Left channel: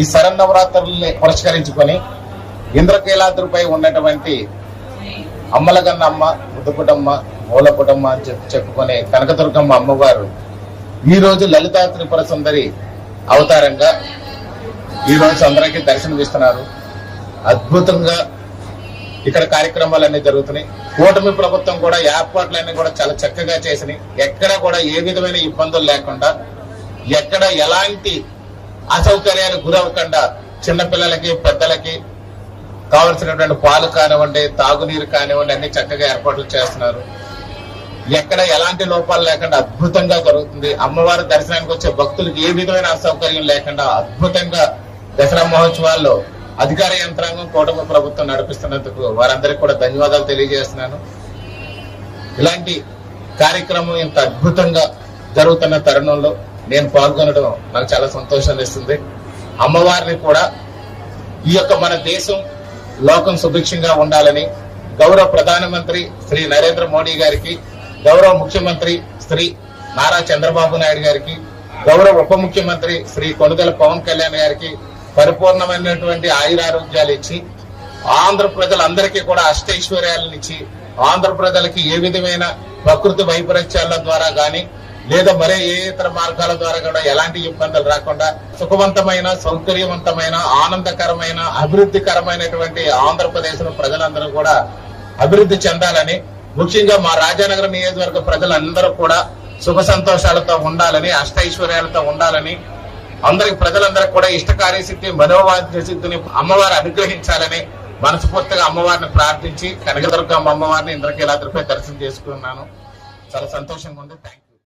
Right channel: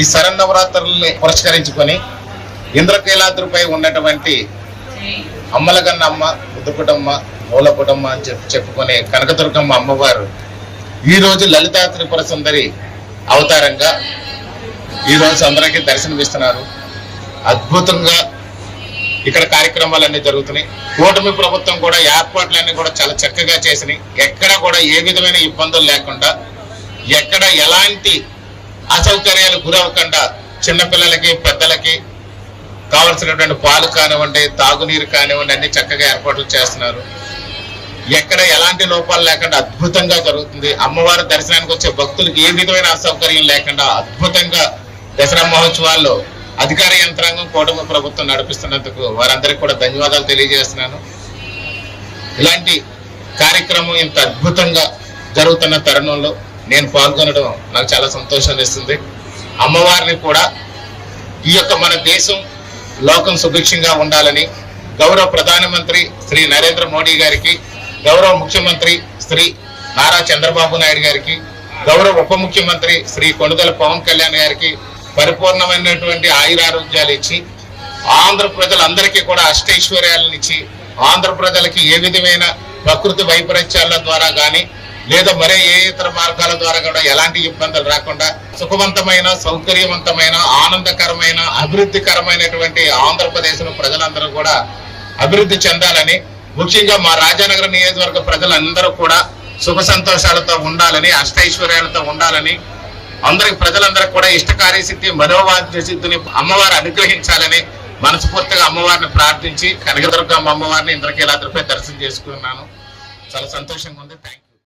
ఈ శరన్నవరాత్రుల్ని పురస్కరించుకొని ఇంద్రకీలాద్రిపై ఉన్నటువంటి అమ్మలగన్న అమ్మ, ముద్దుపుటమ్మ, మూలపుటమ్మ అని చెప్పుకునే కనకదుర్గమ్మ అమ్మవారు ఈ రోజు లలితా త్రిపుర సుందరి అవతారంగా ఈ రోజు అందరికీ దర్శనమిస్తున్నారు. అద్భుతంగా ఇక్కడ కార్యక్రమాలన్నీ జరుగుతున్నాయి. కూటమి ప్రభుత్వం కూడా ఏర్పాట్లన్నీ కూడా చాలా చక్కగా చేసినాయి. ఎక్కడ కూడా ఏ విధమైన ఇబ్బందులు లేకుండా, ఎక్కడ ఎలాంటి అసౌకర్యాలు గురవకుండా చిన్నపిల్లలకి పెద్దలకి కావలసినటువంటి పాలు కానివ్వండి, తాగునీరు కానివ్వండి అన్ని చక్కగా ఏర్పాట్లు చేస్తున్నారు. ఎక్కడ ఎలాంటి లోపాలు లేకుండా అద్భుతంగా జరుగుతుంది. అమ్మవారి దర్శనానికి వచ్చే భక్తులకు ఏ విధమైన అసౌకర్యం లేకుండా అద్భుతంగా దసరా మహోత్సవాల్లో అధికార యంత్రాంగం కూటమి ప్రభుత్వం నడిపిస్తున్నందుకు వారందరికీ కూడా ధన్యవాదాలు తెలియజేస్తున్నాను. ఇలాంటి కార్యక్రమం ఇంత అద్భుతంగా జరుగుతున్న తరుణంలో నేను పాల్గొనడం నాకు చాలా సంతోషాన్ని ఇస్తుంది. అమ్మవారిని కూడా ఈ యొక్క మన దేశం లోకం సుభిక్షంగా ఉండాలని గౌరవ ప్రధానమంత్రి శ్రీ నరేంద్ర మోడీ గారికి, గౌరవ ముఖ్యమంత్రి శ్రీ నారా చంద్రబాబు నాయుడు గారికి, గౌరవ ఉప ముఖ్యమంత్రి శ్రీ కొణిదెల పవన్ కళ్యాణ్ గారికి పరిపూర్ణమైనటువంటి ఆయురారోగ్యాలు ఇచ్చి ఆంధ్ర ప్రజలందరికీ కూడా అష్టైశ్వర్యాలను ఇచ్చి ఆంధ్ర ప్రజలకి ఏ విధమైన ప్రకృతి వైపరీత్యాల ద్వారా కానీ లేదా మరే ఏ ఇతర మార్గాల ద్వారా కూడా ఎలాంటి ఇబ్బందులు రాకుండా సుఖవంతమైన, సౌకర్యవంతమైన, ఆనందకరమైన, అభివృద్ధికరమైనటువంటి ఆంధ్రప్రదేశ్ లో ప్రజలందరూ కూడా అభివృద్ధి చెందాలని, ముఖ్యంగా మా రాజానగరం నియోజకవర్గ ప్రజలందరూ కూడా సుఖ సంతోషాలతో ఉండాలని, అష్టైశ్వర్యాలతో ఉండాలని, ప్రజలందరూ కూడా ఇష్టకార్యసిద్ధి, మనోవాంఛ సిద్ధిని అమ్మవారు అనుగ్రహించాలని మనస్ఫూర్తిగా అమ్మవారిని ప్రార్థించి కనకదుర్గమ్మ అమ్మవారిని ఇంద్రకీలాద్రిపై దర్శనం చేసుకున్నాను. చాలా సంతోషంగా ఉంది. Thank you.